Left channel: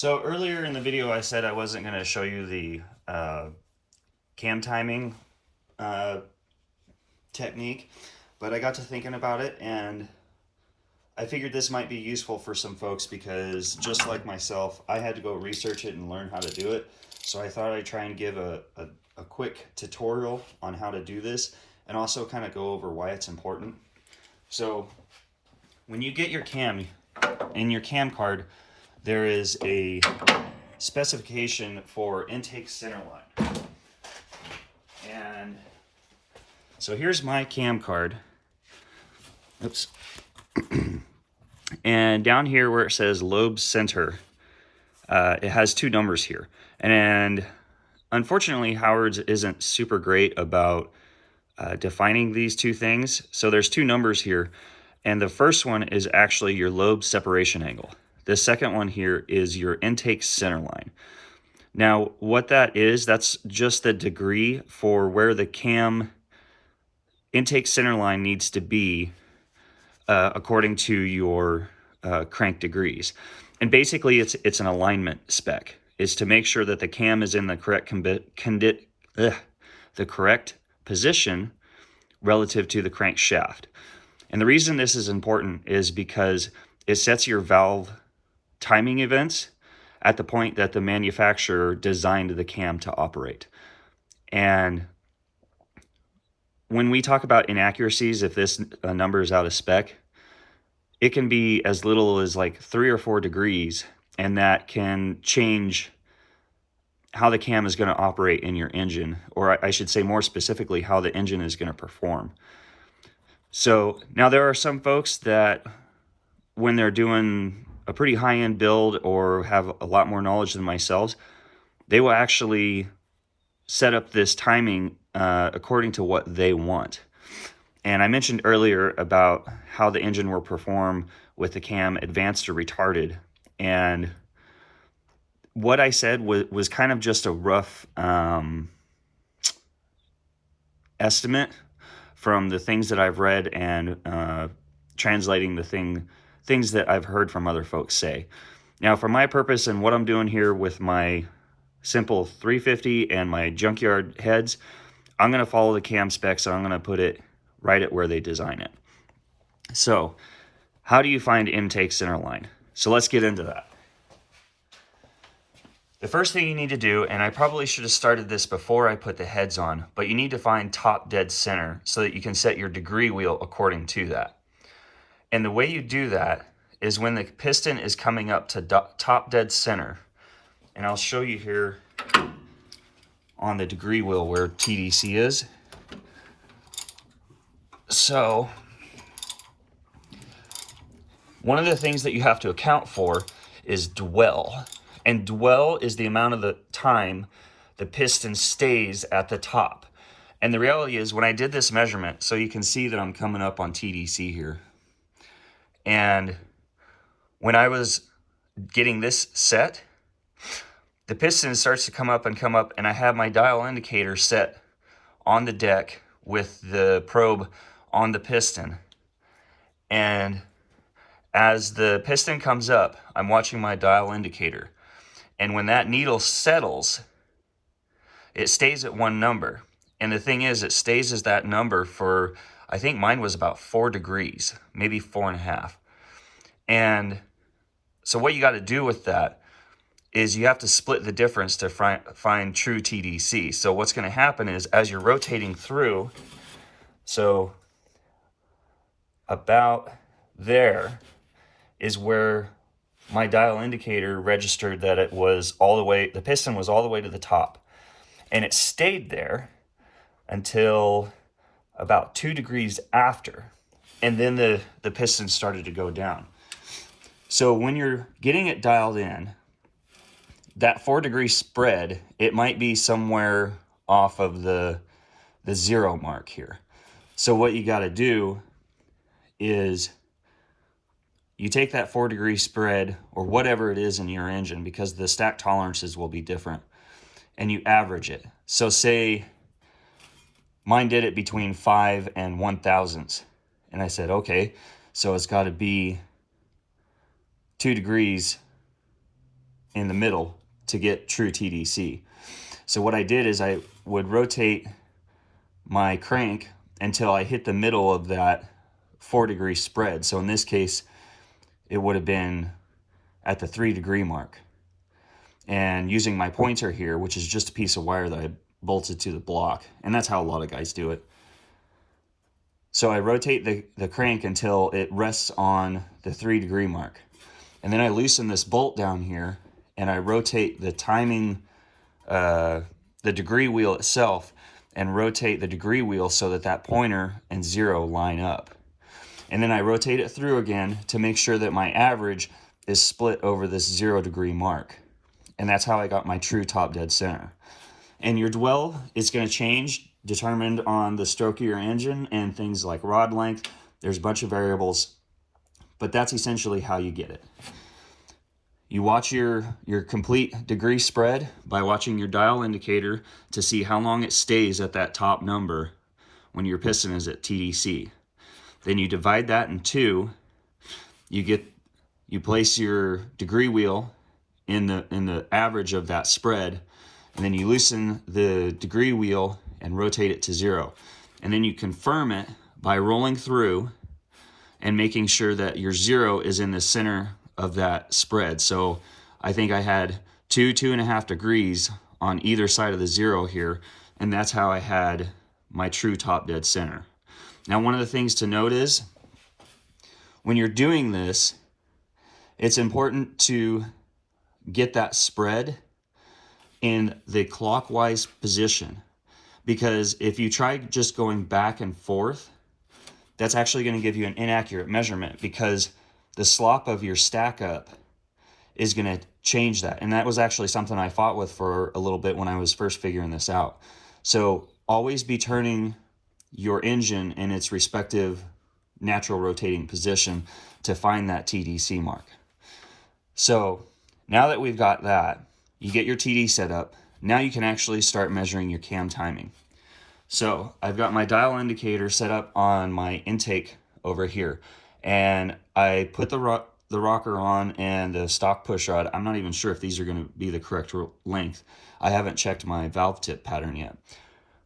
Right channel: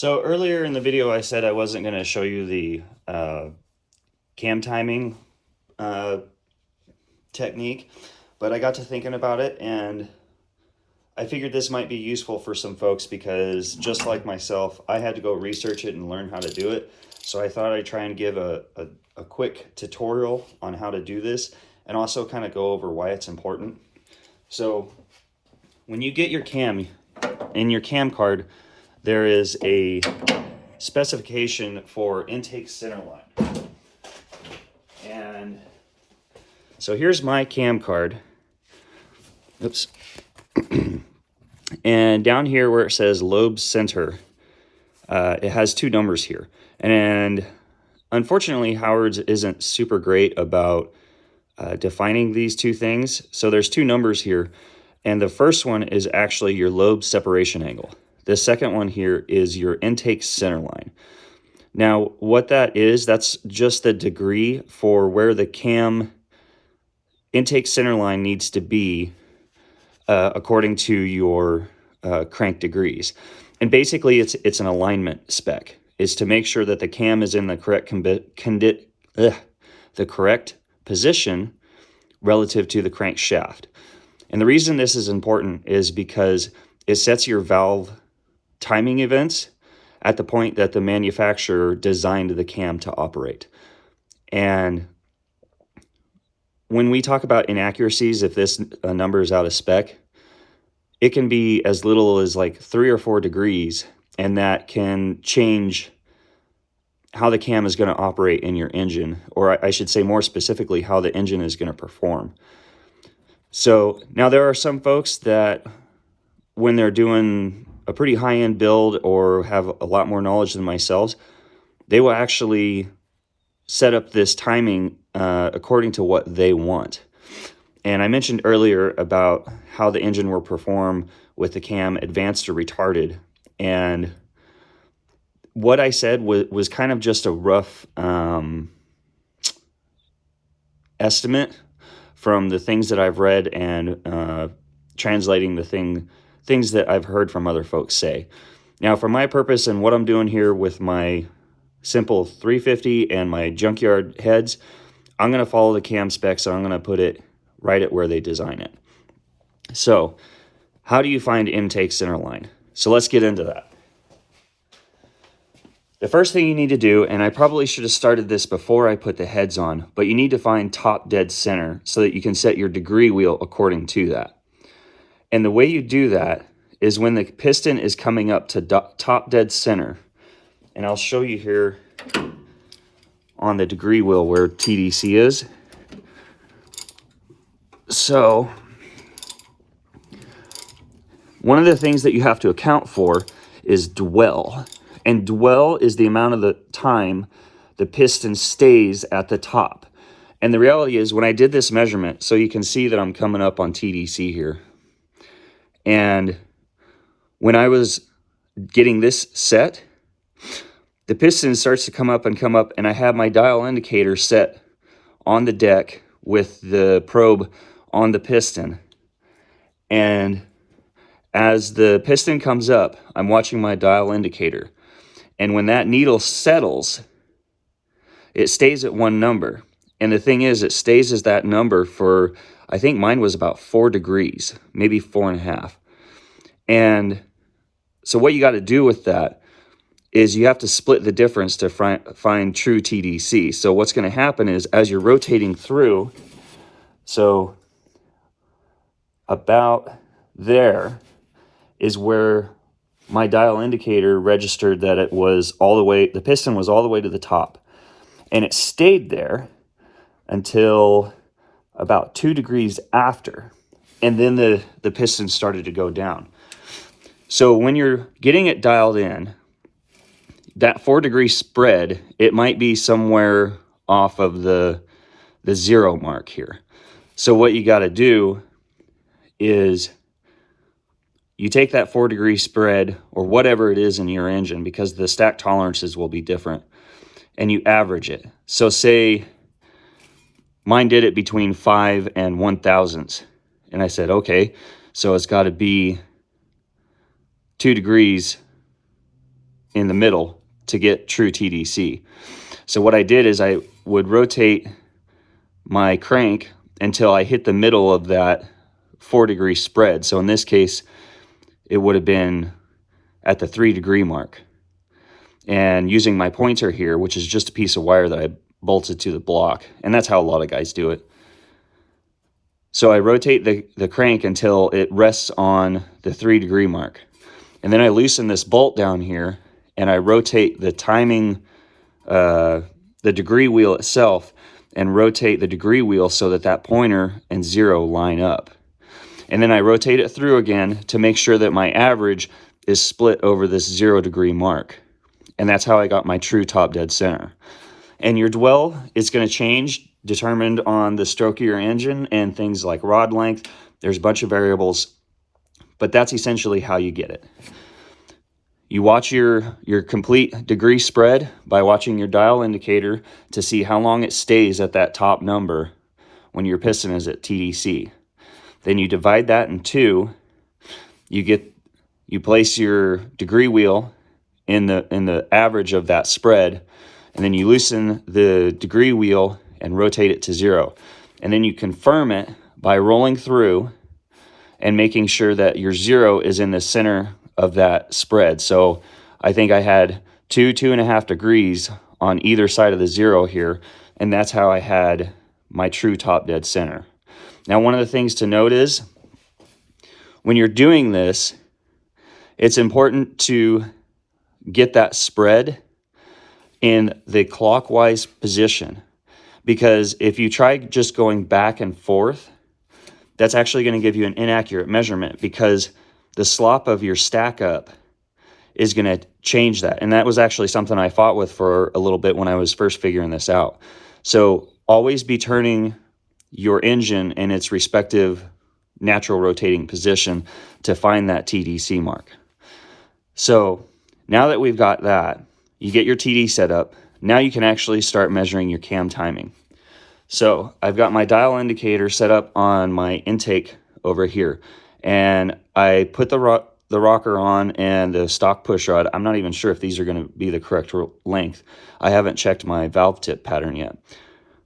So earlier in the video, I said I wasn't going to show you the cam timing uh, technique, but I got to thinking about it and I figured this might be useful for some folks because just like myself, I had to go research it and learn how to do it. So I thought I'd try and give a quick tutorial on how to do this and also kind of go over why it's important. So when you get your cam, in your cam card, there is a specification for intake centerline. And so here's my cam card. Oops. And down here where it says lobe center, it has two numbers here. And unfortunately, Howard's isn't super great about defining these two things. So there's two numbers here. And the first one is actually your lobe separation angle. The second one here is your intake centerline. Now, what that is, that's just the degree for where the cam intake centerline needs to be according to your crank degrees. And basically, it's an alignment spec. It's to make sure that the cam is in the correct position relative to the crankshaft. And the reason this is important is because it sets your valve timing events at the point that the manufacturer designed the cam to operate. And when we talk about inaccuracies, if this number is out of spec, it can be as little as like 3 or 4 degrees, and that can change how the cam is going to operate in your engine, or I should say more specifically, how the engine is going to perform. So now there are some folks that when they're doing a pretty high-end build or have a lot more knowledge than myself, they will actually set up this timing according to what they want. And I mentioned earlier about how the engine will perform with the cam advanced or retarded. And what I said was kind of just a rough estimate from the things that I've read and translating the things that I've heard from other folks say. Now, for my purpose and what I'm doing here with my simple 350 and my junkyard heads, I'm going to follow the cam specs and I'm going to put it right at where they design it. So, how do you find intake centerline? So let's get into that. The first thing you need to do, and I probably should have started this before I put the heads on, but you need to find top dead center so that you can set your degree wheel according to that. And the way you do that is when the piston is coming up to top dead center, and I'll show you here on the degree wheel where TDC is. So, one of the things that you have to account for is dwell. And dwell is the amount of the time the piston stays at the top. And the reality is when I did this measurement, so you can see that I'm coming up on TDC here. And when I was getting this set, the piston starts to come up, and I have my dial indicator set on the deck with the probe on the piston. And as the piston comes up, I'm watching my dial indicator. And when that needle settles, it stays at one number. And the thing is, it stays as that number for, I think mine was about 4 degrees, maybe 4.5. And so what you got to do with that is you have to split the difference to find true TDC. So what's going to happen is as you're rotating through, so about there is where my dial indicator registered that it was all the way, the piston was all the way to the top. And it stayed there until about 2 degrees after. And then the piston started to go down. So when you're getting it dialed in, that 4-degree spread, it might be somewhere off of the 0 mark here. So what you got to do is you take that 4-degree spread or whatever it is in your engine, because the stack tolerances will be different, and you average it. So say mine did it between 5 and 1/1000. And I said, okay, so it's got to be 2 degrees in the middle to get true TDC. So what I did is I would rotate my crank until I hit the middle of that 4-degree spread. So in this case, it would have been at the 3-degree mark. And using my pointer here, which is just a piece of wire that I bolted to the block, and that's how a lot of guys do it. So I rotate the crank until it rests on the 3-degree mark. And then I loosen this bolt down here, and I rotate the timing, the degree wheel itself, and rotate the degree wheel so that that pointer and 0 line up. And then I rotate it through again to make sure that my average is split over this 0-degree mark. And that's how I got my true top dead center. And your dwell is going to change, determined on the stroke of your engine and things like rod length. There's a bunch of variables, but that's essentially how you get it. You watch your complete degree spread by watching your dial indicator to see how long it stays at that top number when your piston is at TDC. Then you divide that in 2. You place your degree wheel in the average of that spread, and then you loosen the degree wheel and rotate it to 0. And then you confirm it by rolling through and making sure that your 0 is in the center of that spread. So I think I had 2.5 degrees on either side of the 0 here, and that's how I had my true top dead center. Now, one of the things to note is when you're doing this, it's important to get that spread in the clockwise position, because if you try just going back and forth, that's actually going to give you an inaccurate measurement, because the slop of your stack up is going to change that. And that was actually something I fought with for a little bit when I was first figuring this out. So always be turning your engine in its respective natural rotating position to find that TDC mark. So now that we've got that, you get your TD set up. Now you can actually start measuring your cam timing. So I've got my dial indicator set up on my intake over here, and I put the rocker on and the stock push rod. I'm not even sure if these are going to be the correct length. I haven't checked my valve tip pattern yet.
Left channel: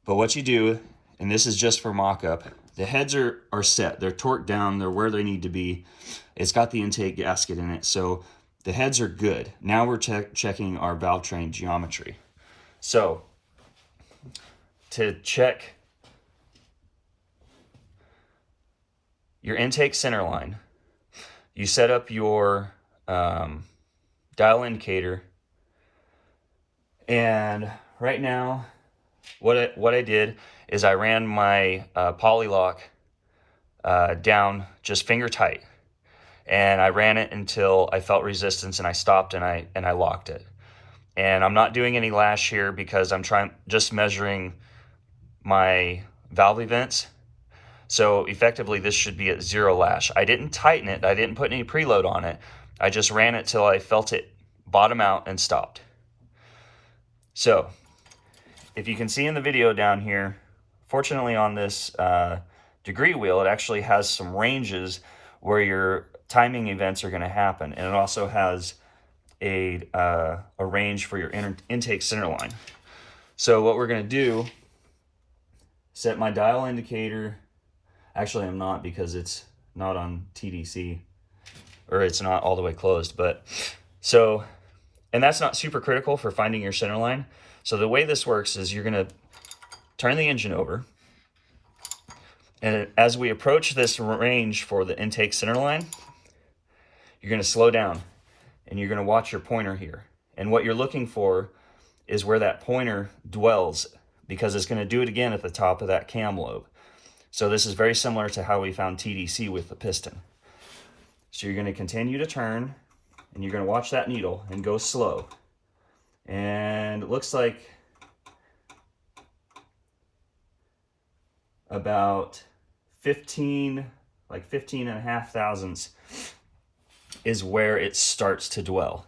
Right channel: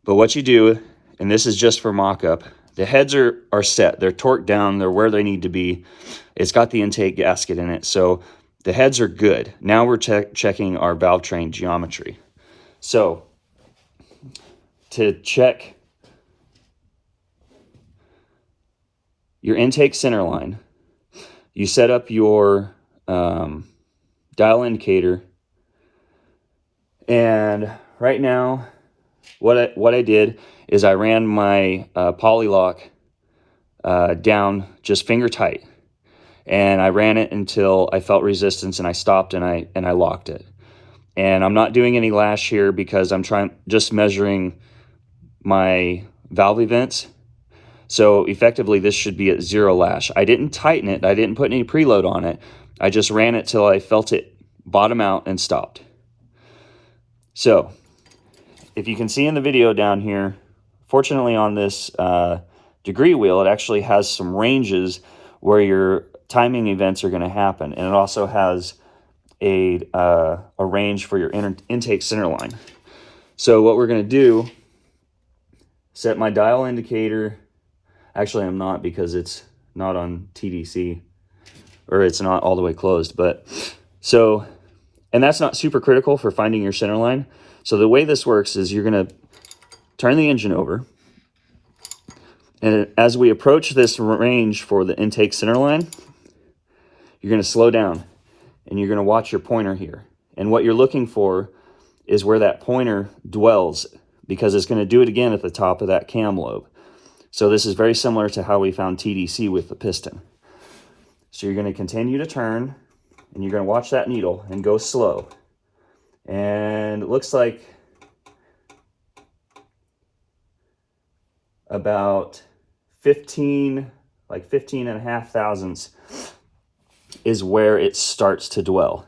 But what you do, and this is just for mock-up, the heads are set. They're torqued down. They're where they need to be. It's got the intake gasket in it, so the heads are good. Now we're checking our valve train geometry. So to check your intake center line, you set up your dial indicator, and right now what I did is I ran my polylock down just finger tight, and I ran it until I felt resistance, and I stopped and I locked it. And I'm not doing any lash here because I'm just measuring my valve events. So effectively this should be at 0 lash. I didn't tighten it. I didn't put any preload on it. I just ran it till I felt it bottom out and stopped. So if you can see in the video down here, fortunately on this degree wheel, it actually has some ranges where your timing events are going to happen. And it also has a range for your intake center line. So what we're going to do, set my dial indicator. Actually, I'm not, because it's not on TDC, or it's not all the way closed. But so, and that's not super critical for finding your center line. So the way this works is you're going to turn the engine over, and as we approach this range for the intake center line, you're going to slow down, and you're going to watch your pointer here. And what you're looking for is where that pointer dwells, because it's going to do it again at the top of that cam lobe. So this is very similar to how we found TDC with the piston. So you're going to continue to turn, and you're going to watch that needle and go slow. And it looks like about 15 and a half thousandths is where it starts to dwell.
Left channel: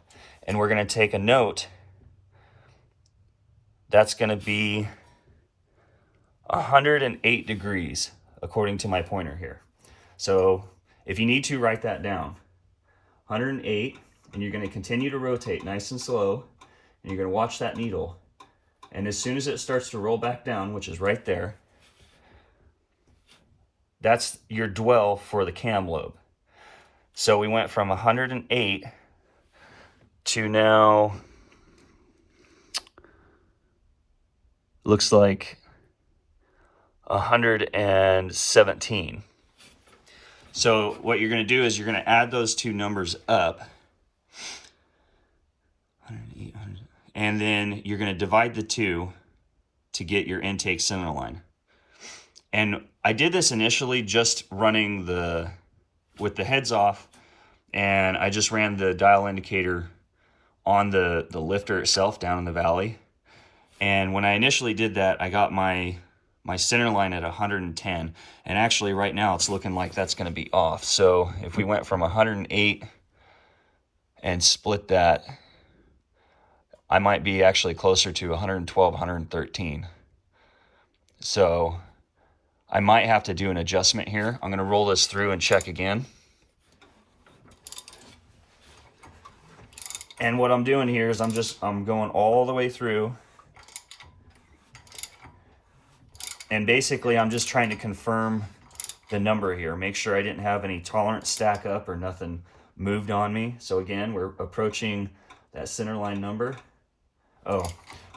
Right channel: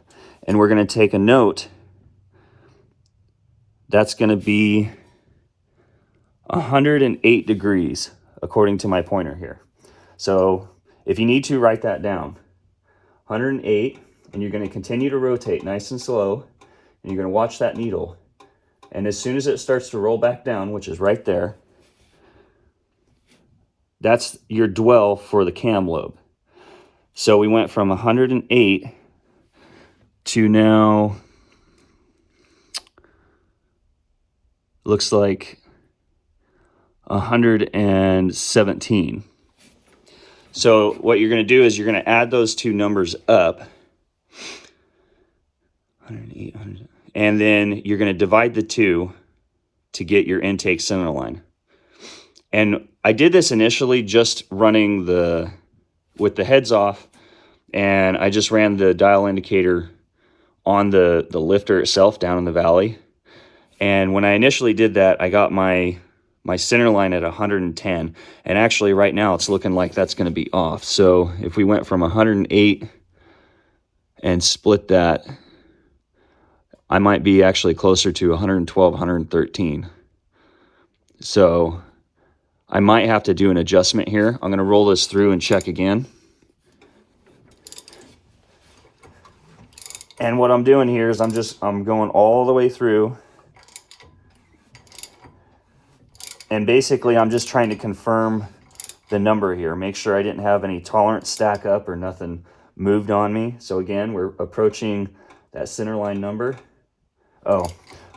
And we're going to take a note. That's going to be 108 degrees according to my pointer here. So if you need to, write that down. 108, and you're going to continue to rotate nice and slow, and you're going to watch that needle. And as soon as it starts to roll back down, which is right there, that's your dwell for the cam lobe. So we went from 108 to now, looks like 117. So what you're going to do is you're going to add those two numbers up, 108, 100, and then you're going to divide the two to get your intake centerline. And I did this initially just running with the heads off, and I just ran the dial indicator on the lifter itself down in the valley. And when I initially did that, I got my center line at 110, and actually right now it's looking like that's going to be off. So if we went from 108 and split that, I might be actually closer to 112, 113. So I might have to do an adjustment here. I'm going to roll this through and check again. And what I'm doing here is I'm going all the way through. And basically I'm just trying to confirm the number here. Make sure I didn't have any tolerance stack up or nothing moved on me. So again, we're approaching that center line number. Oh,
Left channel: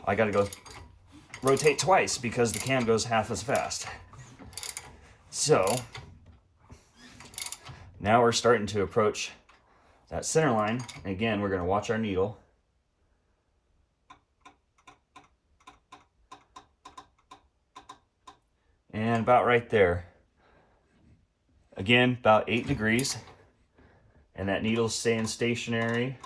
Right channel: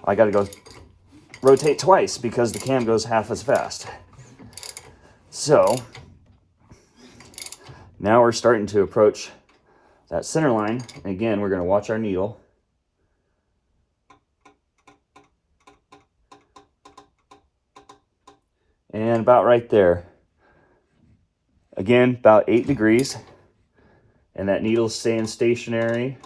I gotta go rotate twice because the cam goes half as fast. So now we're starting to approach that center line. Again, we're gonna watch our needle. And about right there. Again, about 8 degrees. And that needle's staying stationary.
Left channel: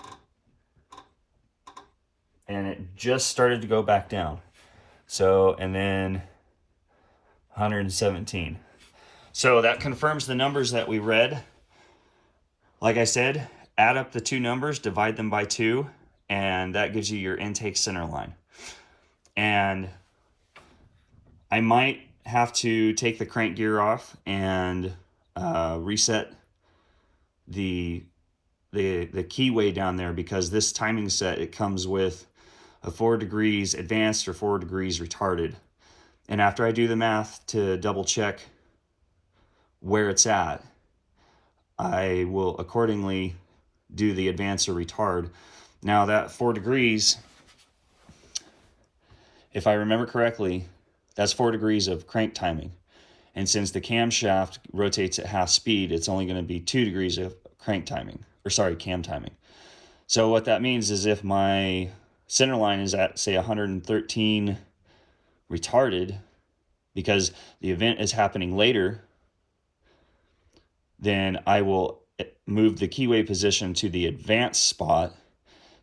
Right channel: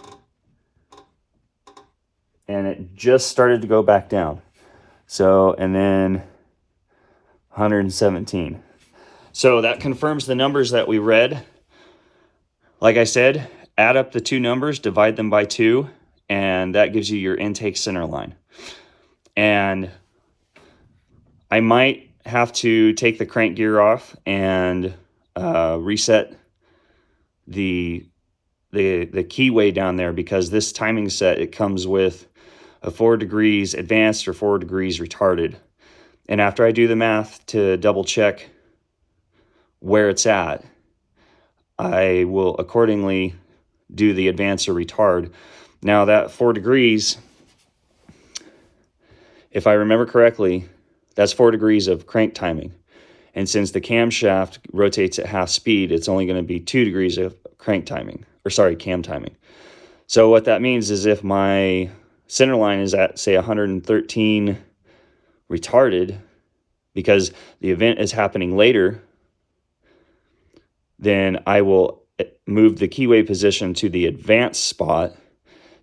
And it just started to go back down. So, and then 117. So that confirms the numbers that we read. Like I said, add up the two numbers, divide them by 2, and that gives you your intake center line. And I might have to take the crank gear off and reset the keyway down there, because this timing set, it comes with a 4 degrees advanced or 4 degrees retarded. And after I do the math to double check where it's at, I will accordingly do the advance or retard. Now that 4 degrees, if I remember correctly, that's 4 degrees of crank timing. And since the camshaft rotates at half speed, it's only going to be 2 degrees of crank timing, or sorry, cam timing. So what that means is if my center line is at, say, 113 retarded, because the event is happening later, then I will move the keyway position to the advanced spot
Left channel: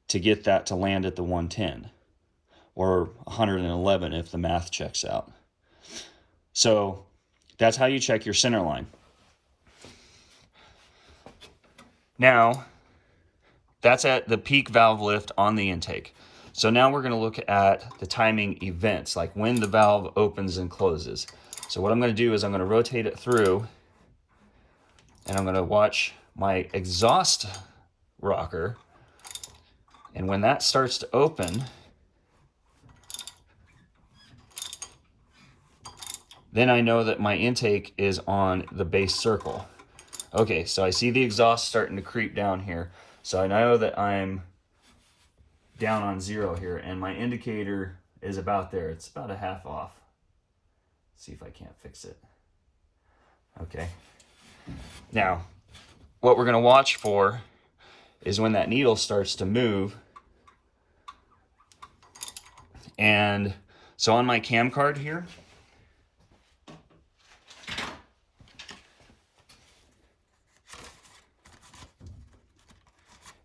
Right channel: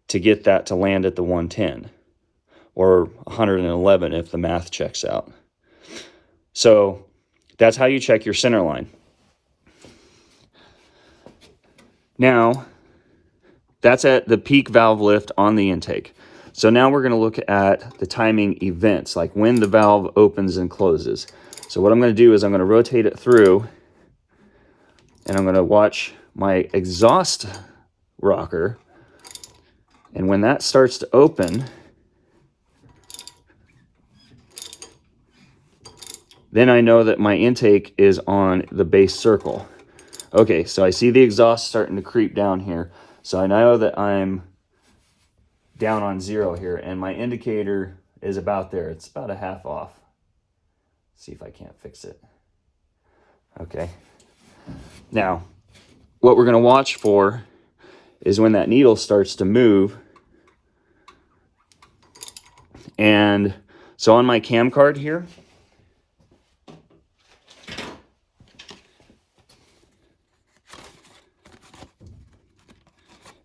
to get that to land at the 110 or 111 if the math checks out. So that's how you check your center line. Now, that's at the peak valve lift on the intake. So now we're going to look at the timing events, like when the valve opens and closes. So what I'm going to do is I'm going to rotate it through, and I'm going to watch my exhaust rocker. And when that starts to open, then I know that my intake is on the base circle. Okay, so I see the exhaust starting to creep down here. So I know that I'm down on 0 here, and my indicator is about there. It's about a half off. See if I can't fix it. Okay. Now, what we're going to watch for is when that needle starts to move. And so on my cam card here,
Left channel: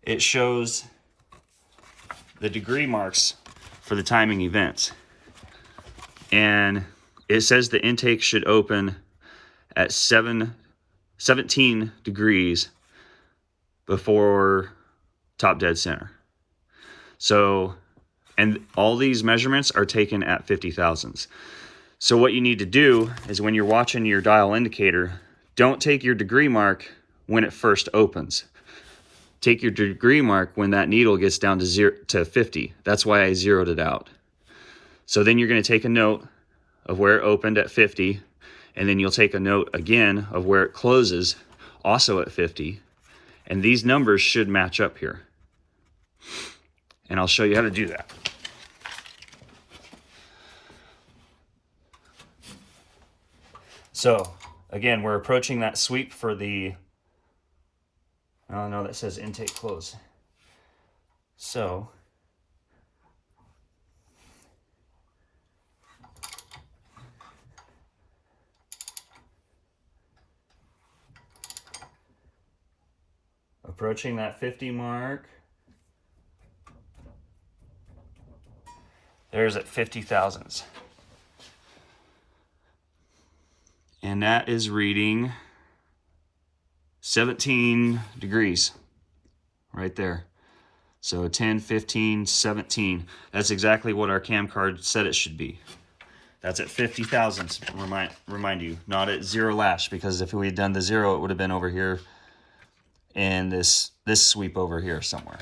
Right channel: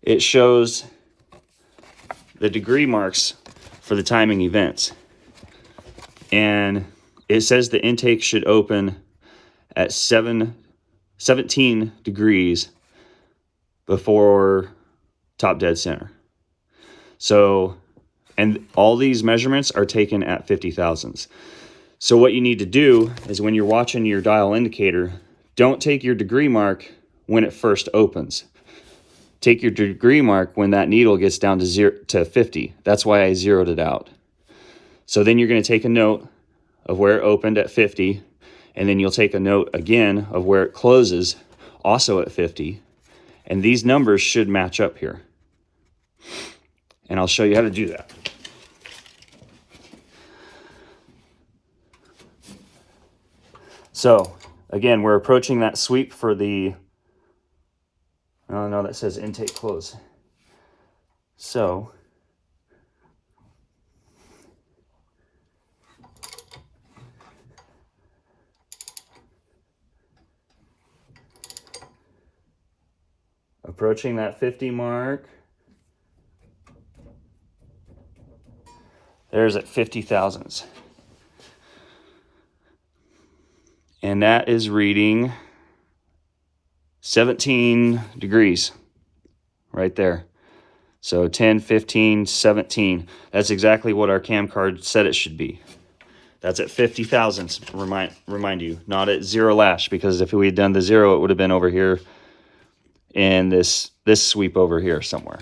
it shows the degree marks for the timing events. And it says the intake should open at 17 degrees before top dead center. So, and all these measurements are taken at 50 thousandths. So what you need to do is when you're watching your dial indicator, don't take your degree mark when it first opens. take your degree mark when that needle gets down to 50. That's why I zeroed it out. So then you're going to take a note of where it opened at 50, and then you'll take a note again of where it closes, also at 50. And these numbers should match up here. And I'll show you how to do that. So, again, we're approaching that sweep for the, oh no, that says intake close. So, approaching that 50 mark. There's at 50 thousandths. And that is reading 17 degrees right there. So 10, 15, 17. That's exactly what our cam card said it should be. That's at 50 thousandths, remind you, not at 0 lash, because if we had done the 0, it would have been over here in this sweep over here somewhere.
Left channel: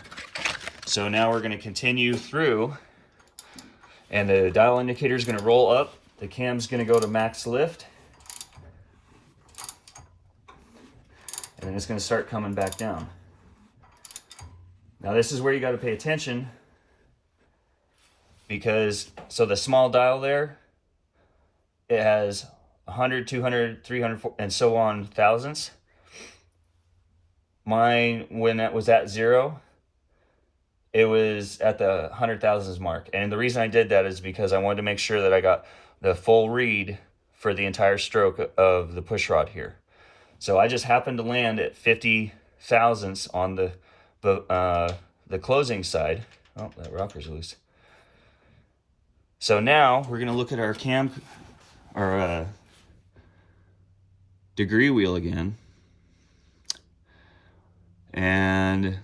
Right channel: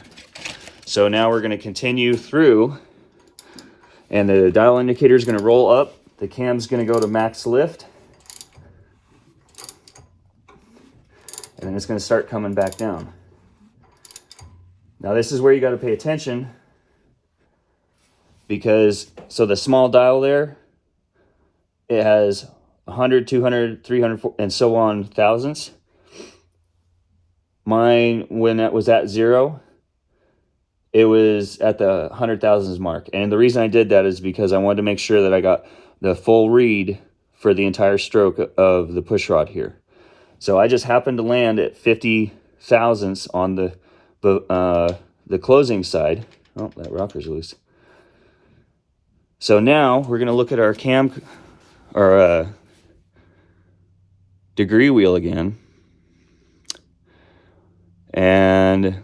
So now we're going to continue through, and the dial indicator is going to roll up. The cam's going to go to max lift. And then it's going to start coming back down. Now this is where you got to pay attention, because so the small dial there, it has 100, 200, 300, and so on thousandths. Mine, when it was at 0, it was at the 100 thousandths mark. And the reason I did that is because I wanted to make sure that I got the full read for the entire stroke of the push rod here. So I just happened to land at 50 thousandths on the closing side. Oh, that rocker's loose. So now we're going to look at our degree wheel again. And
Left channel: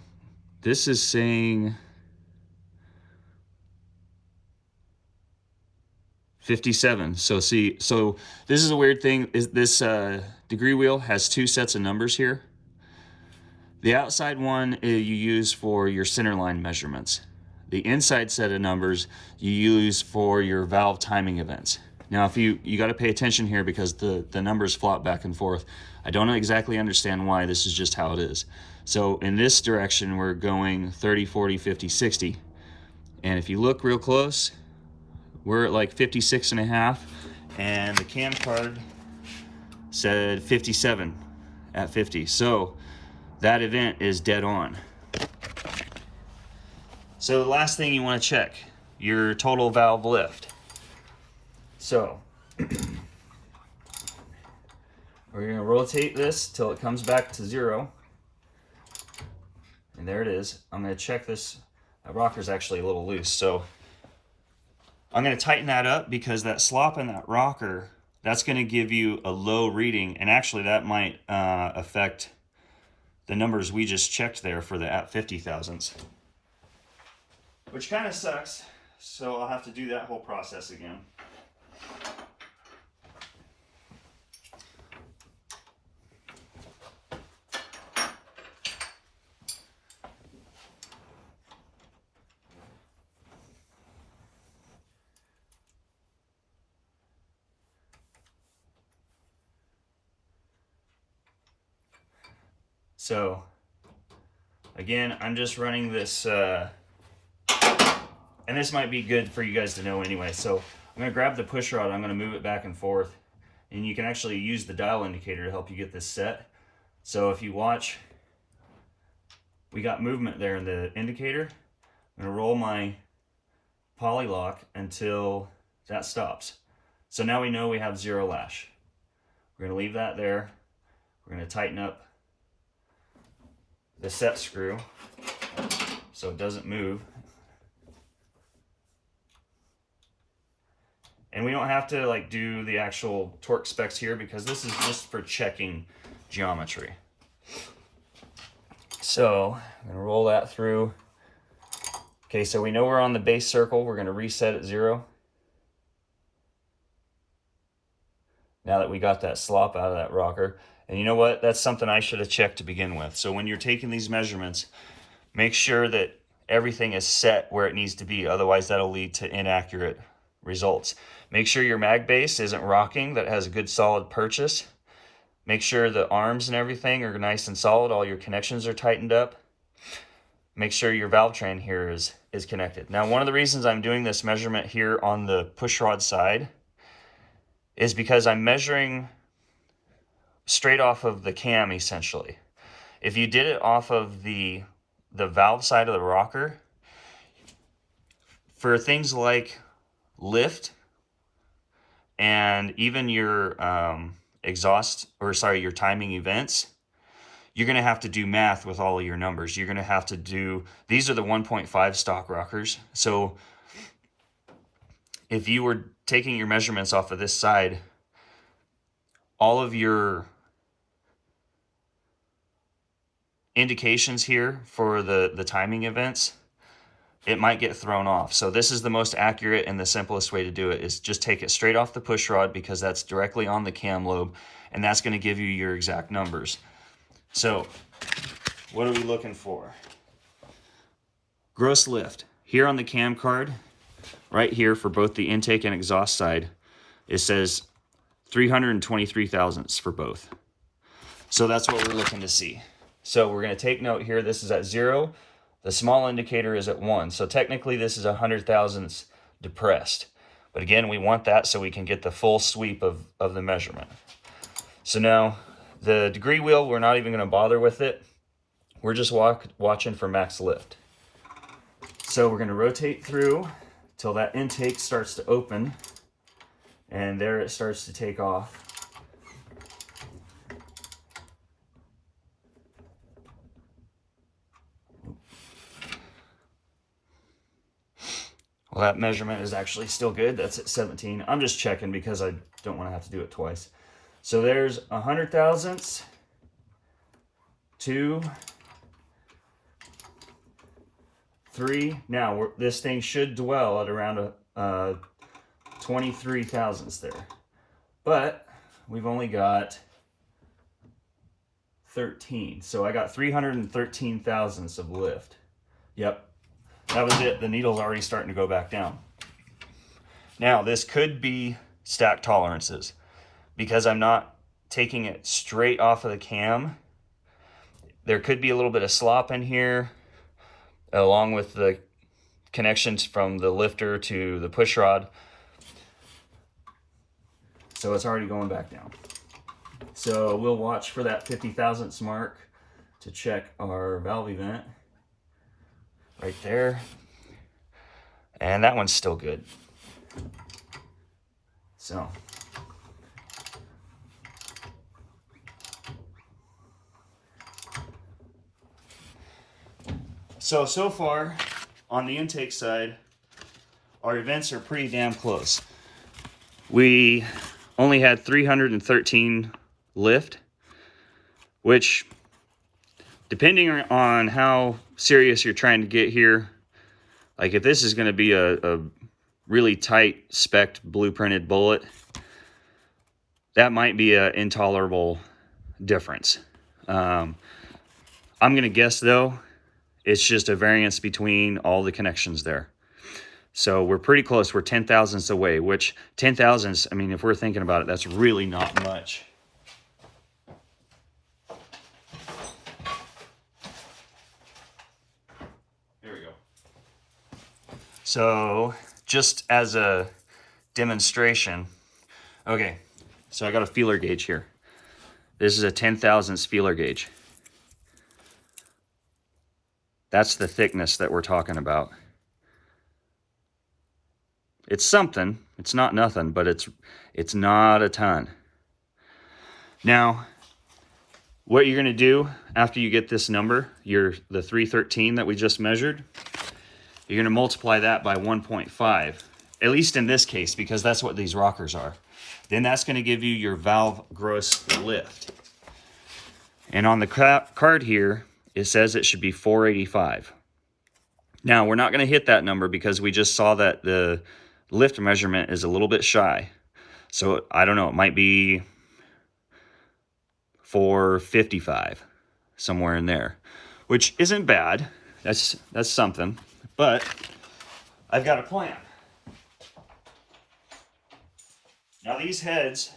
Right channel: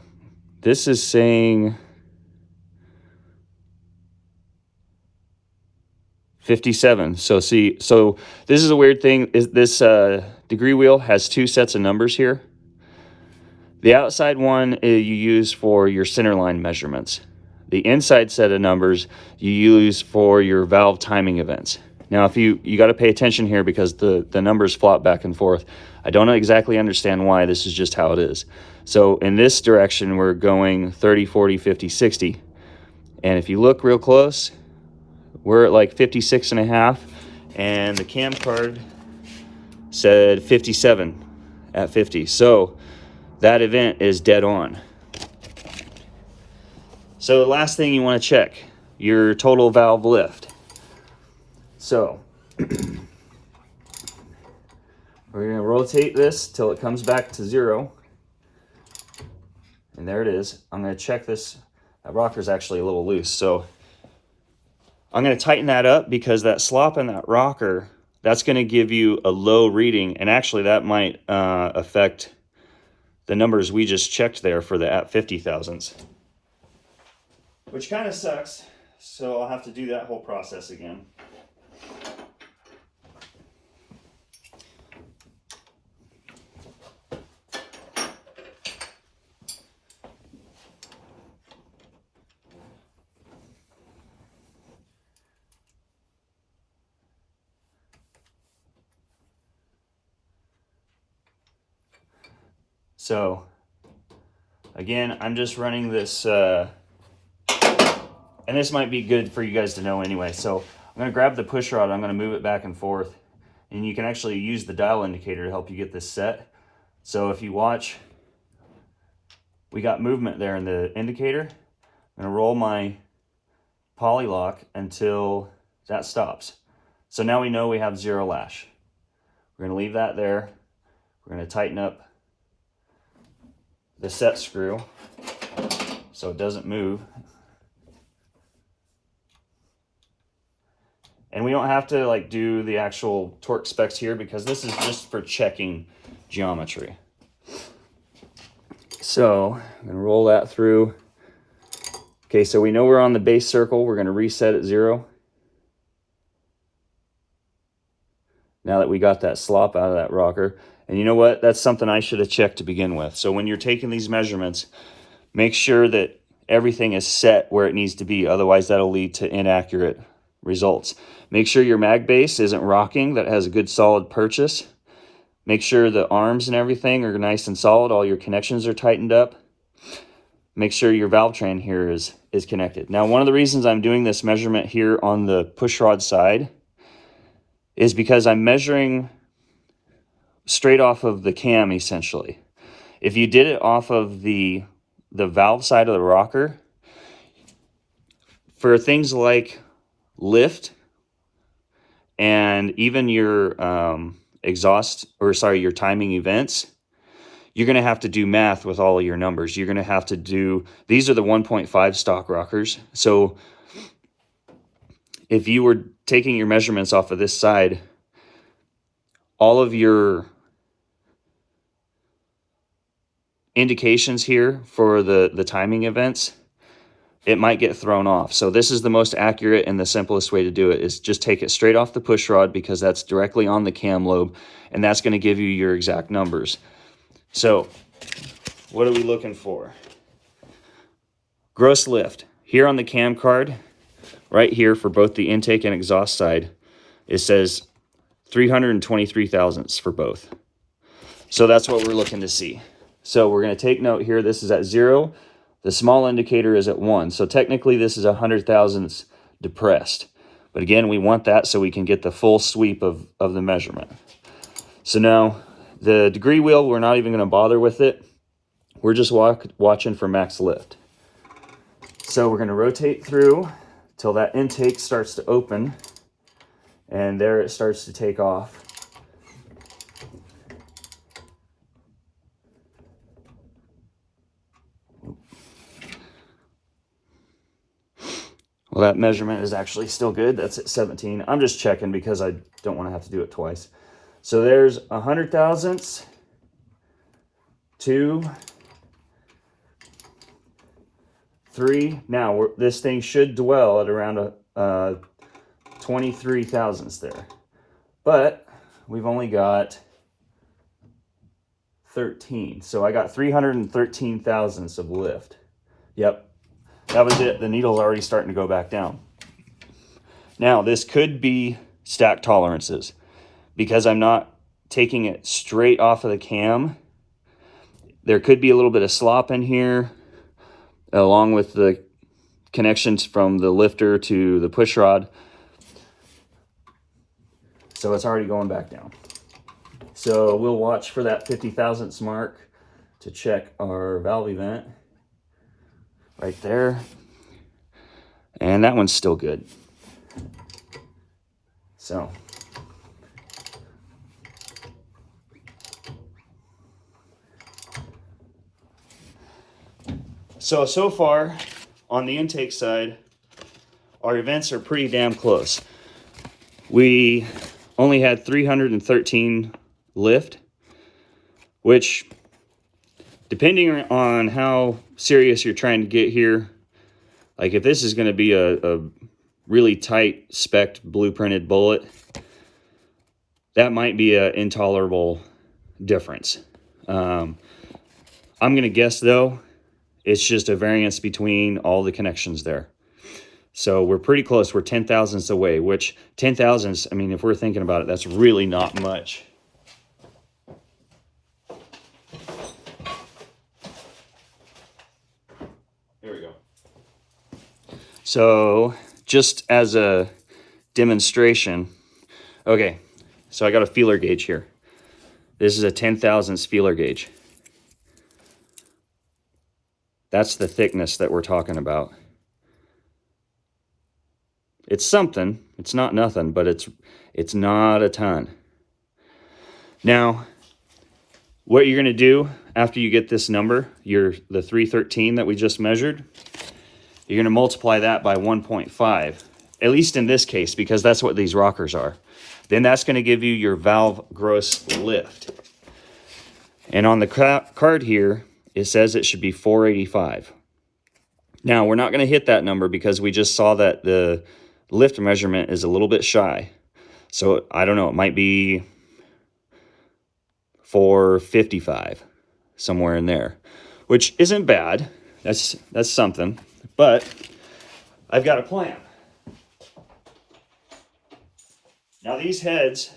this is saying 57. So see, so this is a weird thing. Is this degree wheel has 2 sets of numbers here. The outside one you use for your centerline measurements. The inside set of numbers you use for your valve timing events. Now, if you got to pay attention here, because the numbers flop back and forth. I don't exactly understand why. This is just how it is. So in this direction, we're going 30, 40, 50, 60. And if you look real close, we're at like 56 and a half, and the cam card said 57 at 50. So that event is dead on. So the last thing you want to check, your total valve lift. So we're going to rotate this till it comes back to 0. And there it is. I'm going to check this. That rocker's actually a little loose, so I'm going to tighten that up, because that slop in that rocker, that's going to give you a low reading, and actually that might affect the numbers we just checked there for the at 50 thousandths, which kind of sucks. So I'll have to do that whole process again. So again, I'm just running this, and this might be good for you guys to know anyway. So I'm going to grab the push rod, I'm going to move it back and forth, and you can actually use the dial indicator to help you get this set. So if you watch, we got movement there in the indicator. I'm going to roll my poly lock until that stops. So now we know we have 0 lash. We're going to leave that there. We're going to tighten up the set screw so it doesn't move. And we don't have to like do the actual torque specs here, because this is just for checking geometry. So I'm gonna roll that through. Okay, so we know we're on the base circle. We're gonna reset at 0. Now that we got that slop out of that rocker. And you know what? That's something I should have checked to begin with. So when you're taking these measurements, make sure that everything is set where it needs to be. Otherwise, that'll lead to inaccurate results. Make sure your mag base isn't rocking, that has a good solid purchase. Make sure the arms and everything are nice and solid. All your connections are tightened up. Make sure your valve train here is connected. Now, one of the reasons I'm doing this measurement here on the push rod side is because I'm measuring straight off of the cam, essentially. If you did it off of the valve side of the rocker, for things like lift and even your your timing events, you're going to have to do math with all of your numbers. You're going to have to do, these are the 1.5 stock rockers. So if you were taking your measurements off of this side, all of your indications here for the timing events, it might get thrown off. So this is the most accurate and the simplest way to do it, is just take it straight off the push rod, because that's directly on the cam lobe, and that's going to give you your exact numbers. So what are we looking for? Gross lift. Here on the cam card, right here for both the intake and exhaust side, it says 323 thousandths for both. So that's what we're looking to see. So we're going to take note here. This is at 0. The small indicator is at 1. So technically this is 100 thousandths depressed. But again, we want that so we can get the full sweep of the measurement. So now the degree wheel, we're not even going to bother with it. We're just watching for max lift. So we're going to rotate through till that intake starts to open, and there it starts to take off. Well, that measurement is actually still good. That's at 17. I'm just checking because I don't want to have to do it twice. So there's 100 thousandths, 2, 3. Now this thing should dwell at around 23 thousandths there, but we've only got 13. So I got 313 thousandths of lift. Yep, that was it. The needle's already starting to go back down. Now this could be stack tolerances, because I'm not taking it straight off of the cam. There could be a little bit of slop in here, along with the connections from the lifter to the push rod. So it's already going back down. So we'll watch for that 50 thousandths mark to check our valve event right there. And that one's still good. So far on the intake side, our events are pretty damn close. We only had 313 lift, which, depending on how serious you're trying to get here, like if this is going to be a really tight spec'd blueprinted bullet, that might be an intolerable difference. I'm going to guess though, it's just a variance between all the connections there. So we're pretty close. We're 10 thousandths away, which 10 thousandths, I mean, if we're thinking about it, that's really not much. There we go. So just as a demonstration, okay, so I got a feeler gauge here. This is a 10 thousandths feeler gauge. That's the thickness that we're talking about. It's something. It's not nothing, but it's not a ton. Now, what you're going to do after you get this number, the 313 that we just measured, you're going to multiply that by 1.5, at least in this case, because that's what these rockers are. Then that's going to give you your valve gross lift. And on the card here, it says it should be 485. Now, we're not going to hit that number because we just saw that the lift measurement is a little bit shy. So I don't know, it might be for 55, somewhere in there, which isn't bad. That's something, but I've got a plan. Now these heads,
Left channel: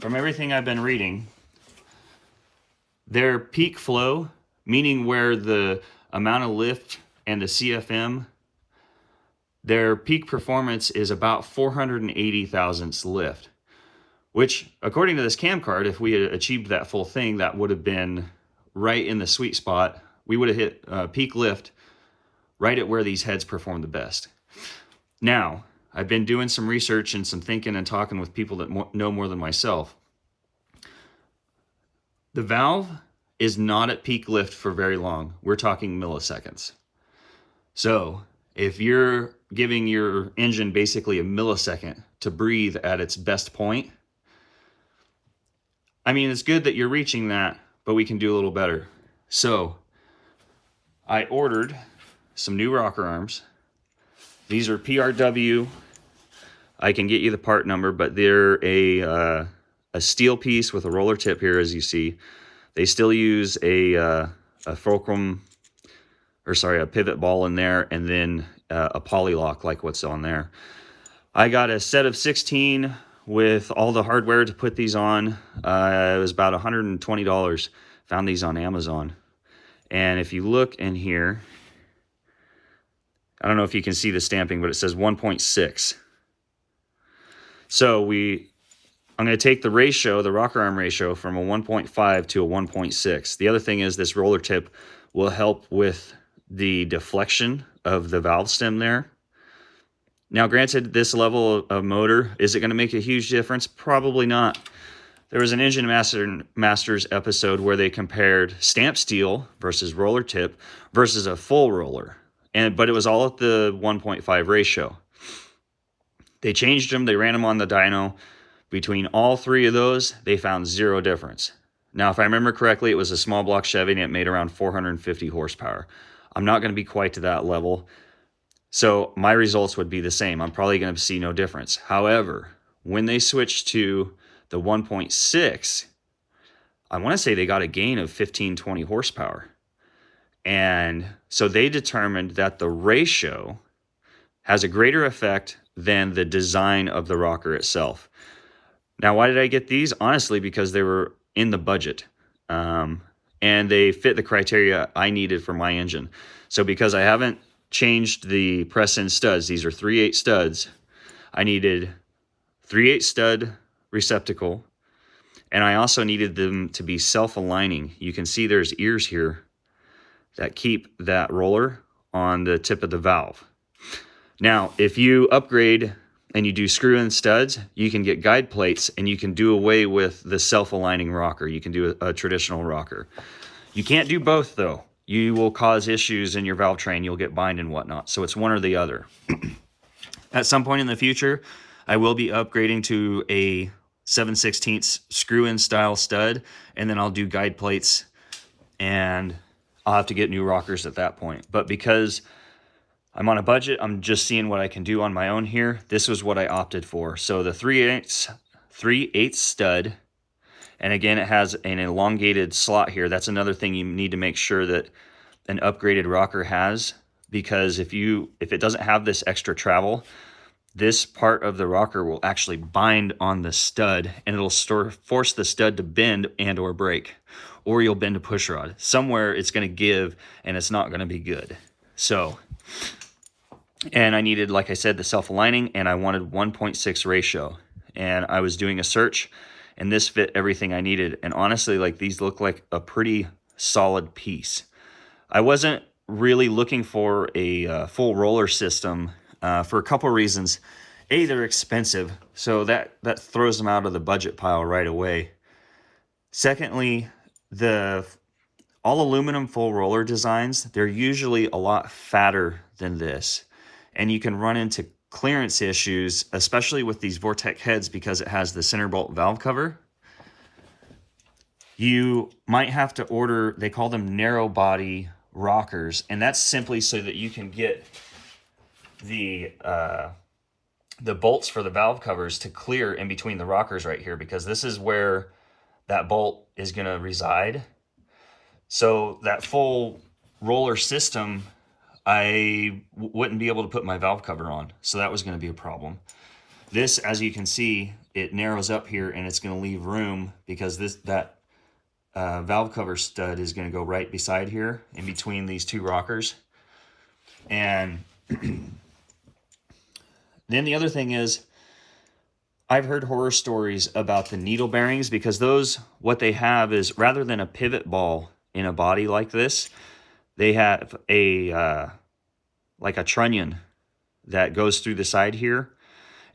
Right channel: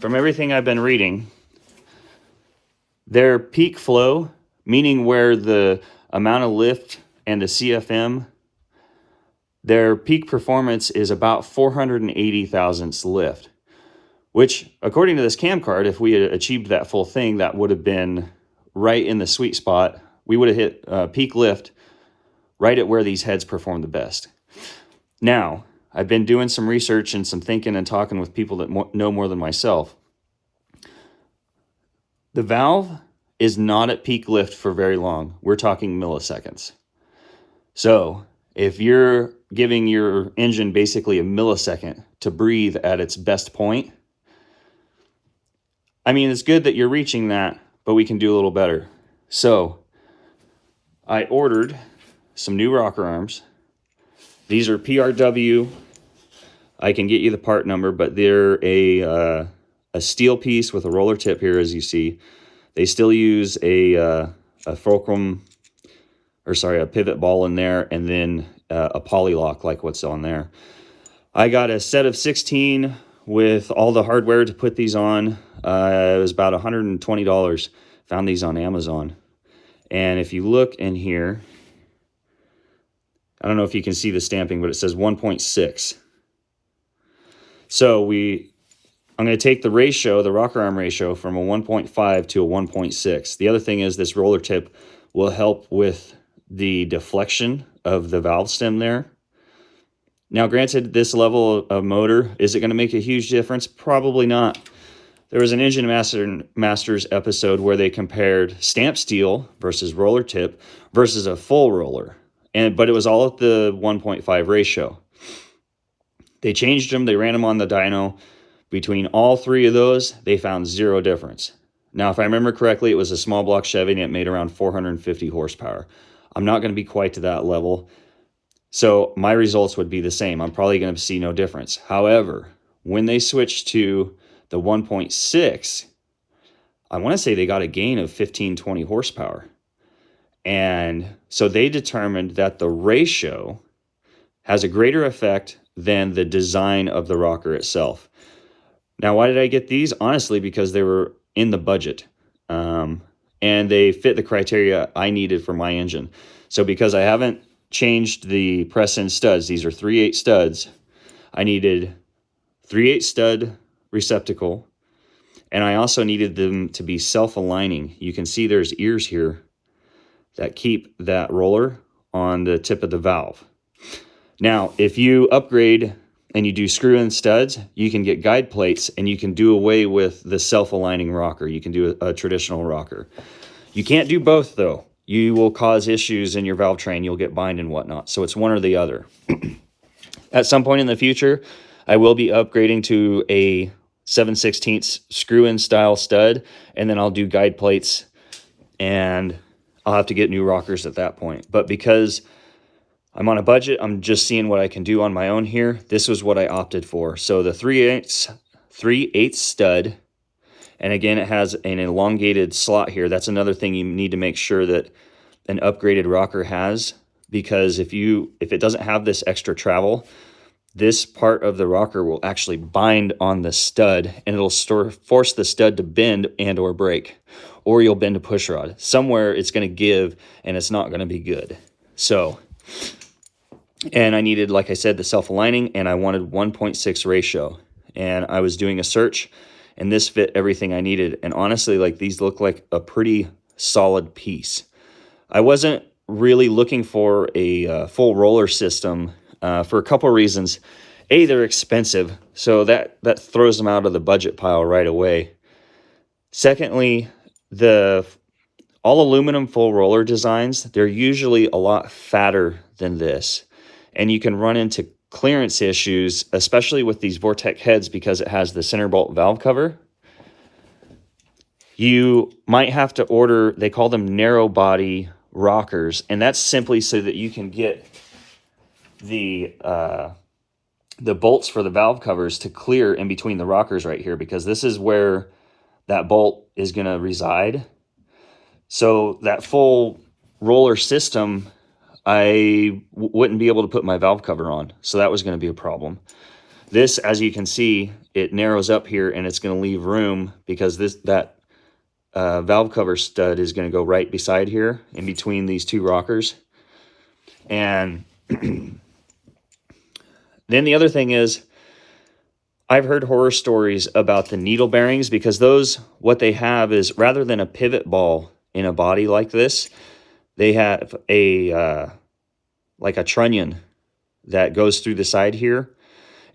from everything I've been reading, their peak flow, meaning where the amount of lift and the CFM, their peak performance is about 480 thousandths lift, which according to this cam card, if we had achieved that full thing, that would have been right in the sweet spot. We would have hit peak lift right at where these heads perform the best. Now, I've been doing some research and some thinking and talking with people that know more than myself. The valve is not at peak lift for very long. We're talking milliseconds. So if you're giving your engine basically a millisecond to breathe at its best point, I mean, it's good that you're reaching that, but we can do a little better. So I ordered some new rocker arms. These are PRW. I can get you the part number, but they're a steel piece with a roller tip here, as you see. They still use a fulcrum, or sorry, a pivot ball in there, and then a poly lock like what's on there. I got a set of 16 with all the hardware to put these on. It was about $120. Found these on Amazon. And if you look in here, I don't know if you can see the stamping, but it says 1.6. So I'm going to take the ratio, the rocker arm ratio, from a 1.5 to a 1.6. The other thing is this roller tip will help with the deflection of the valve stem there. Now, granted, this level of motor, is it going to make a huge difference? Probably not. There was an Engine Masters episode where they compared stamp steel versus roller tip versus a full roller, but it was all at the 1.5 ratio. They changed them. They ran them on the dyno. Between all three of those, they found zero difference. Now, if I remember correctly, it was a small block Chevy and it made around 450 horsepower. I'm not going to be quite to that level. So my results would be the same. I'm probably going to see no difference. However, when they switched to the 1.6, I want to say they got a gain of 15, 20 horsepower. And so they determined that the ratio has a greater effect than the design of the rocker itself. Now, why did I get these? Honestly, because they were in the budget. And they fit the criteria I needed for my engine. So because I haven't changed the press-in studs, these are 3/8 studs, I needed 3/8 stud receptacle, and I also needed them to be self-aligning. You can see there's ears here that keep that roller on the tip of the valve. Now, if you upgrade and you do screw-in studs, you can get guide plates and you can do away with the self-aligning rocker. You can do a traditional rocker. You can't do both, though. You will cause issues in your valve train. You'll get bind and whatnot. So it's one or the other. At some point in the future, I will be upgrading to a 7/16 screw-in style stud, and then I'll do guide plates, and I'll have to get new rockers at that point. But because I'm on a budget, I'm just seeing what I can do on my own here. This was what I opted for. So the 3/8 stud, and again, it has an elongated slot here. That's another thing you need to make sure that an upgraded rocker has, because if it doesn't have this extra travel, this part of the rocker will actually bind on the stud, and it'll force the stud to bend and or break, or you'll bend a push rod. Somewhere it's going to give, and it's not going to be good. So, and I needed, like I said, the self-aligning, and I wanted 1.6 ratio. And I was doing a search, and this fit everything I needed. And honestly, like, these look like a pretty solid piece. I wasn't really looking for a full roller system for a couple of reasons. A, they're expensive, so that throws them out of the budget pile right away. Secondly, the all aluminum full roller designs, they're usually a lot fatter than this. And you can run into clearance issues, especially with these Vortec heads, because it has the center bolt valve cover. You might have to order, they call them narrow body rockers, and that's simply so that you can get the bolts for the valve covers to clear in between the rockers right here, because this is where that bolt is going to reside. So that full roller system, I wouldn't be able to put my valve cover on. So that was going to be a problem. This, as you can see, it narrows up here and it's going to leave room because that valve cover stud is going to go right beside here in between these two rockers. And then the other thing is, I've heard horror stories about the needle bearings, because those, what they have is, rather than a pivot ball in a body like this, they have a like a trunnion that goes through the side here,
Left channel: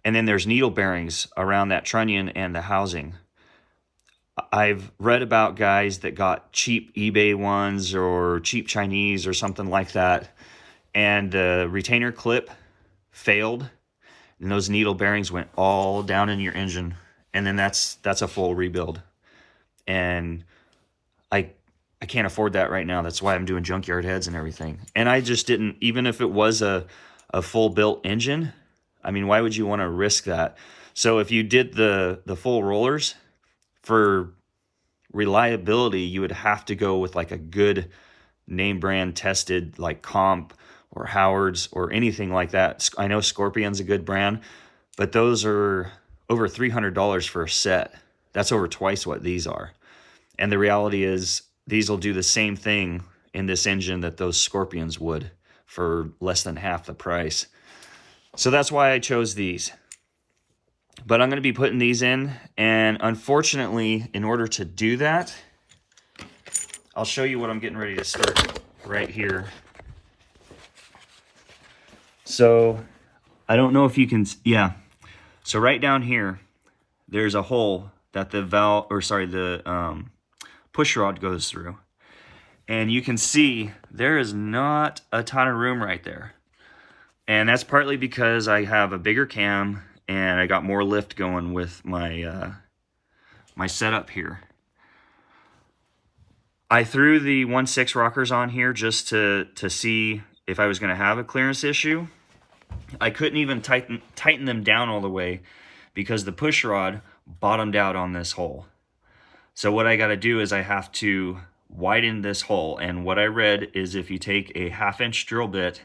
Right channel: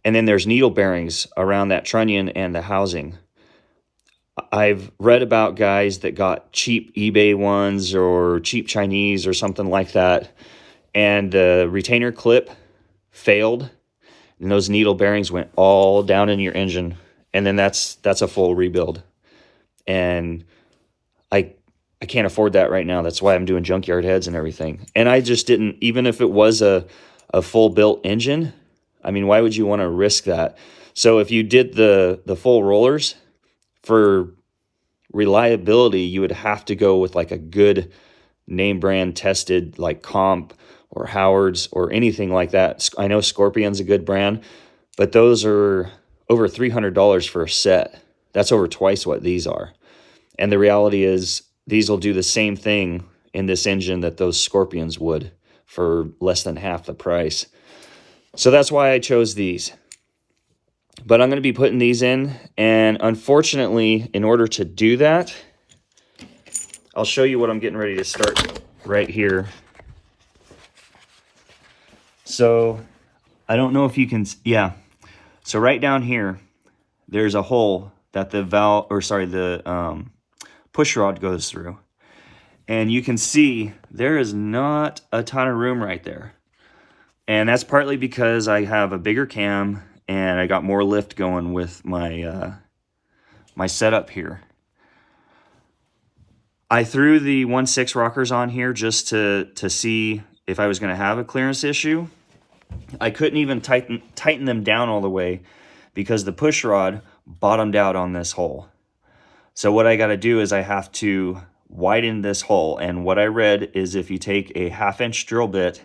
and then there's needle bearings around that trunnion and the housing. I've read about guys that got cheap eBay ones or cheap Chinese or something like that, and the retainer clip failed, and those needle bearings went all down in your engine, and then that's a full rebuild. And I can't afford that right now. That's why I'm doing junkyard heads and everything. And I just didn't, even if it was a full built engine, I mean, why would you want to risk that? So if you did the full rollers, for reliability, you would have to go with like a good name brand tested, like Comp or Howard's or anything like that. I know Scorpion's a good brand, but those are over $300 for a set. That's over twice what these are. And the reality is, these will do the same thing in this engine that those Scorpions would for less than half the price. So that's why I chose these. But I'm going to be putting these in, and unfortunately, in order to do that, I'll show you what I'm getting ready to start right here. So I don't know if you can, yeah. So right down here, there's a hole that the push rod goes through. And you can see there is not a ton of room right there. And that's partly because I have a bigger cam and I got more lift going with my my setup here. I threw the 1.6 rockers on here just to see if I was going to have a clearance issue. I couldn't even tighten them down all the way because the push rod bottomed out on this hole. So what I got to do is I have to widen this hole. And what I read is if you take a 1/2-inch drill bit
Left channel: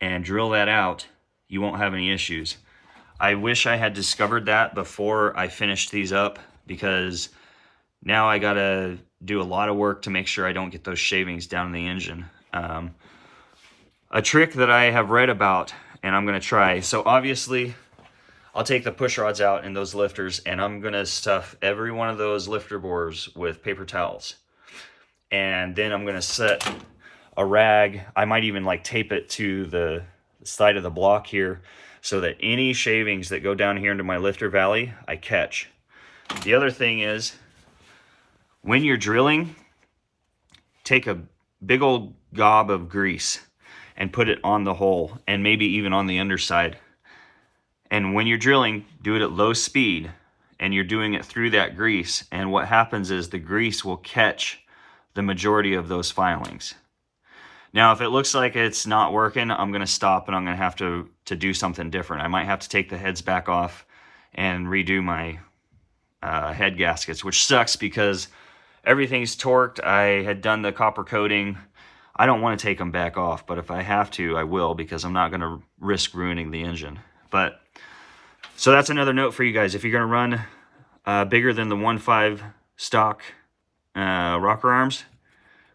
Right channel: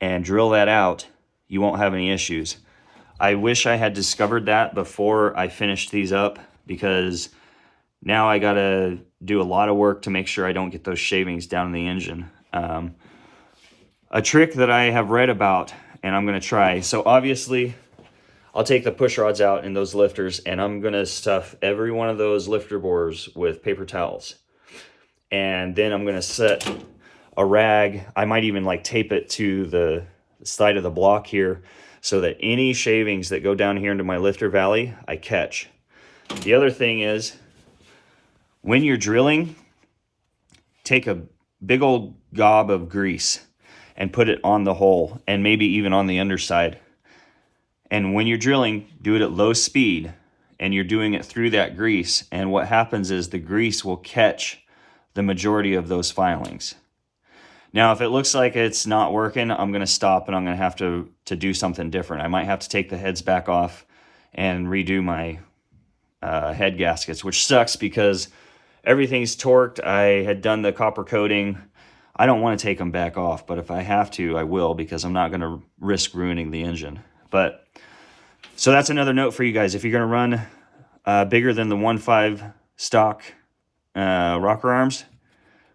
and drill that out, you won't have any issues. I wish I had discovered that before I finished these up, because now I got to do a lot of work to make sure I don't get those shavings down in the engine. A trick that I have read about, and I'm going to try. So obviously, I'll take the push rods out in those lifters, and I'm going to stuff every one of those lifter bores with paper towels. And then I'm going to set a rag. I might even like tape it to the side of the block here so that any shavings that go down here into my lifter valley, I catch. The other thing is, when you're drilling, take a big old gob of grease and put it on the hole, and maybe even on the underside. And when you're drilling, do it at low speed, and you're doing it through that grease. And what happens is the grease will catch the majority of those filings. Now, if it looks like it's not working, I'm going to stop and I'm going to have to do something different. I might have to take the heads back off and redo my head gaskets, which sucks because everything's torqued. I had done the copper coating. I don't want to take them back off, but if I have to, I will, because I'm not going to risk ruining the engine. But so that's another note for you guys. If you're going to run bigger than the 1.5 stock rocker arms,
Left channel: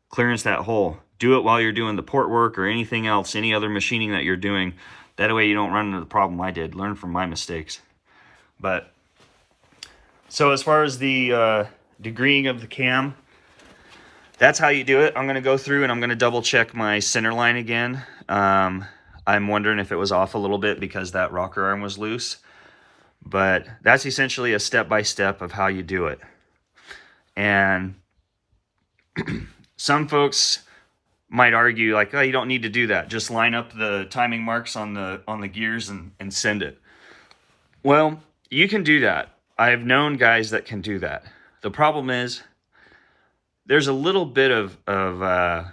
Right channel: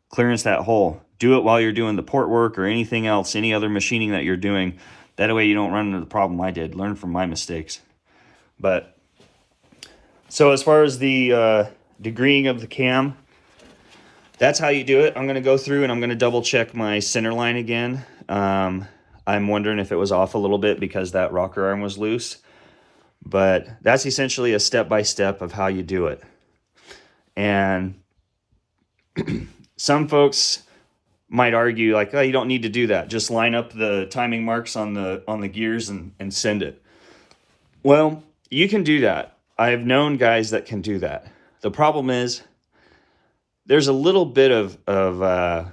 clearance that hole. Do it while you're doing the port work or anything else, any other machining that you're doing. That way you don't run into the problem I did. Learn from my mistakes. But so as far as the degreeing of the cam, that's how you do it. I'm going to go through and I'm going to double check my center line again. I'm wondering if it was off a little bit because that rocker arm was loose. But that's essentially a step-by-step of how you do it. And some folks might argue like, oh, you don't need to do that. Just line up the timing marks on the gears and send it. Well, you can do that. I've known guys that can do that. The problem is there's a little bit of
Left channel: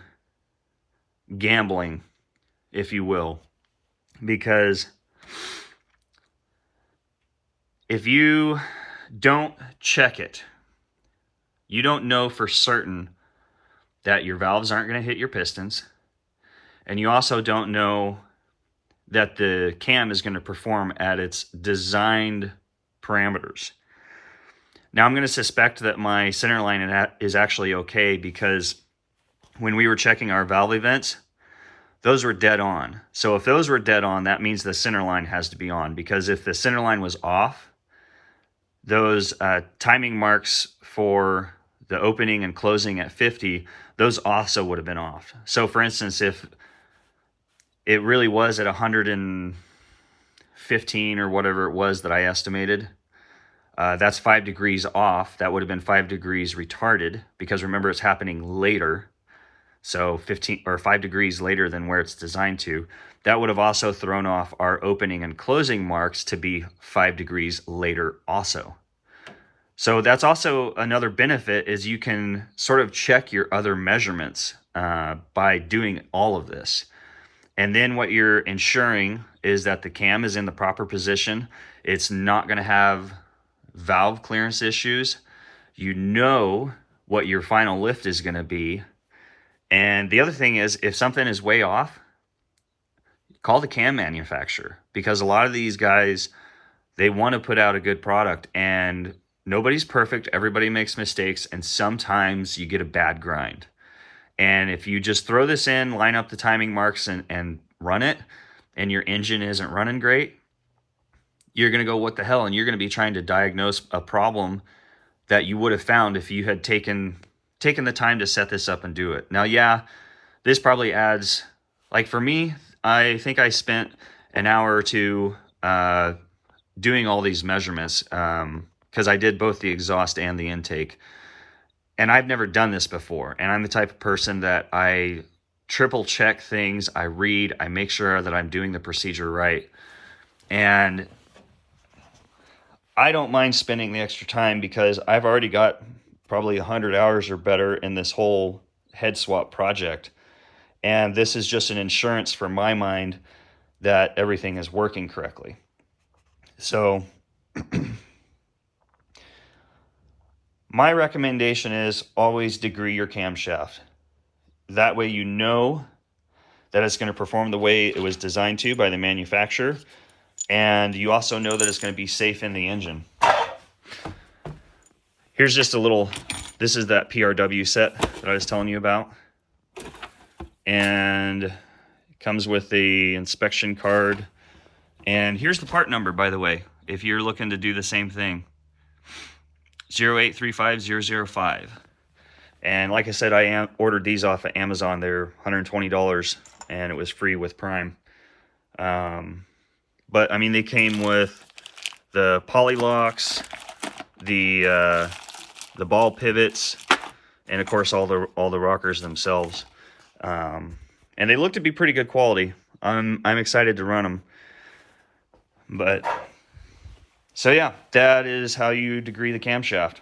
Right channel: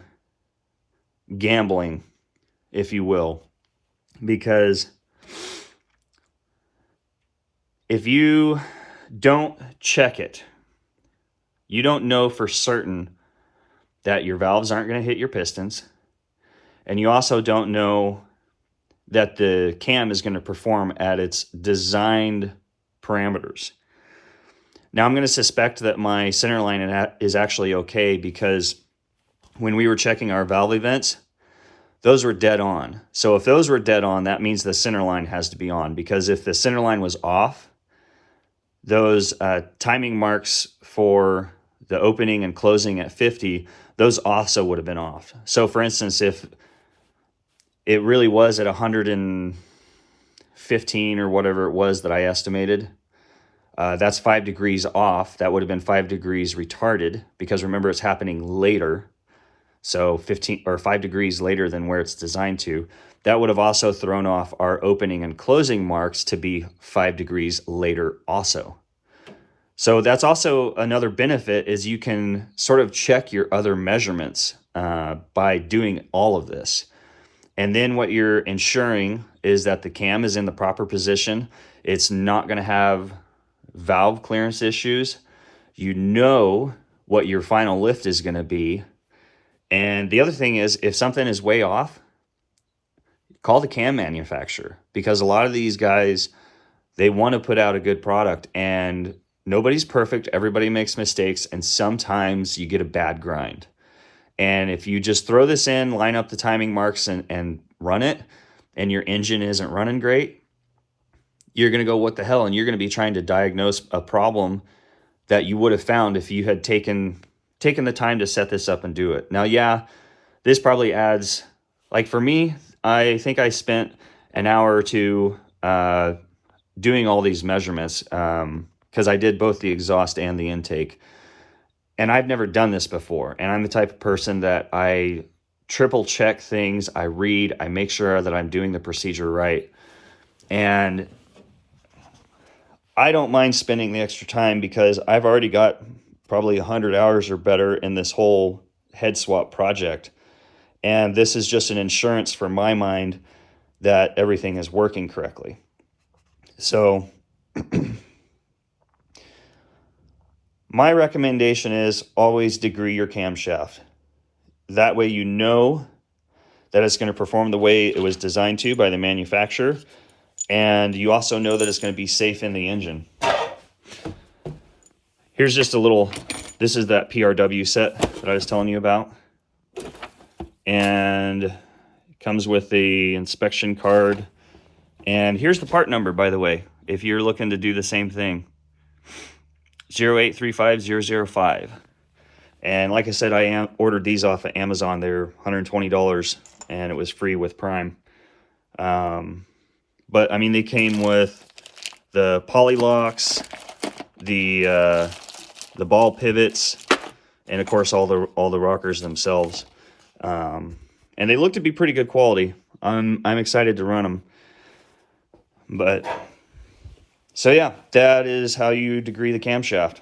gambling, if you will, because if you don't check it You don't know for certain that your valves aren't going to hit your pistons. And you also don't know that the cam is going to perform at its designed parameters. Now I'm going to suspect that my centerline is actually okay, because when we were checking our valve events, those were dead on. So if those were dead on, that means the centerline has to be on, because if the centerline was off, those timing marks for the opening and closing at 50, those also would have been off. So for instance, if it really was at 115 or whatever it was that I estimated, that's 5 degrees off. That would have been 5 degrees retarded, because remember, it's happening later. So 15 or 5 degrees later than where it's designed to. That would have also thrown off our opening and closing marks to be 5 degrees later also. So that's also another benefit, is you can sort of check your other measurements by doing all of this. And then what you're ensuring is that the cam is in the proper position. It's not going to have valve clearance issues. You know what your final lift is going to be. And the other thing is, if something is way off, call the cam manufacturer, because a lot of these guys, they want to put out a good product, and nobody's perfect. Everybody makes mistakes, and sometimes you get a bad grind. And if you just throw this in, line up the timing marks and run it, and your engine isn't running great, you're going to go, what the hell? And you're going to be trying to diagnose a problem that you would have found if you had taken the time to set this up and do it. Now, yeah, this probably adds, like for me, I think I spent an hour or two doing all these measurements, because I did both the exhaust and the intake. And I've never done this before. And I'm the type of person that I triple check things. I read, I make sure that I'm doing the procedure right. And I don't mind spending the extra time, because I've already got probably 100 hours or better in this whole head swap project. And this is just an insurance for my mind that everything is working correctly. So my recommendation is always degree your camshaft. That way you know that it's going to perform the way it was designed to by the manufacturer, and you also know that it's going to be safe in the engine. Here's just a little, this is that PRW set that I was telling you about. And it comes with the inspection card. And here's the part number, by the way, if you're looking to do the same thing. 0835005. And like I said, I ordered these off of Amazon. They're $120, and it was free with Prime. But I mean, they came with the poly locks, the ball pivots, and of course all the rockers themselves. And they look to be pretty good quality. I'm excited to run them. But so yeah, that is how you degree the camshaft.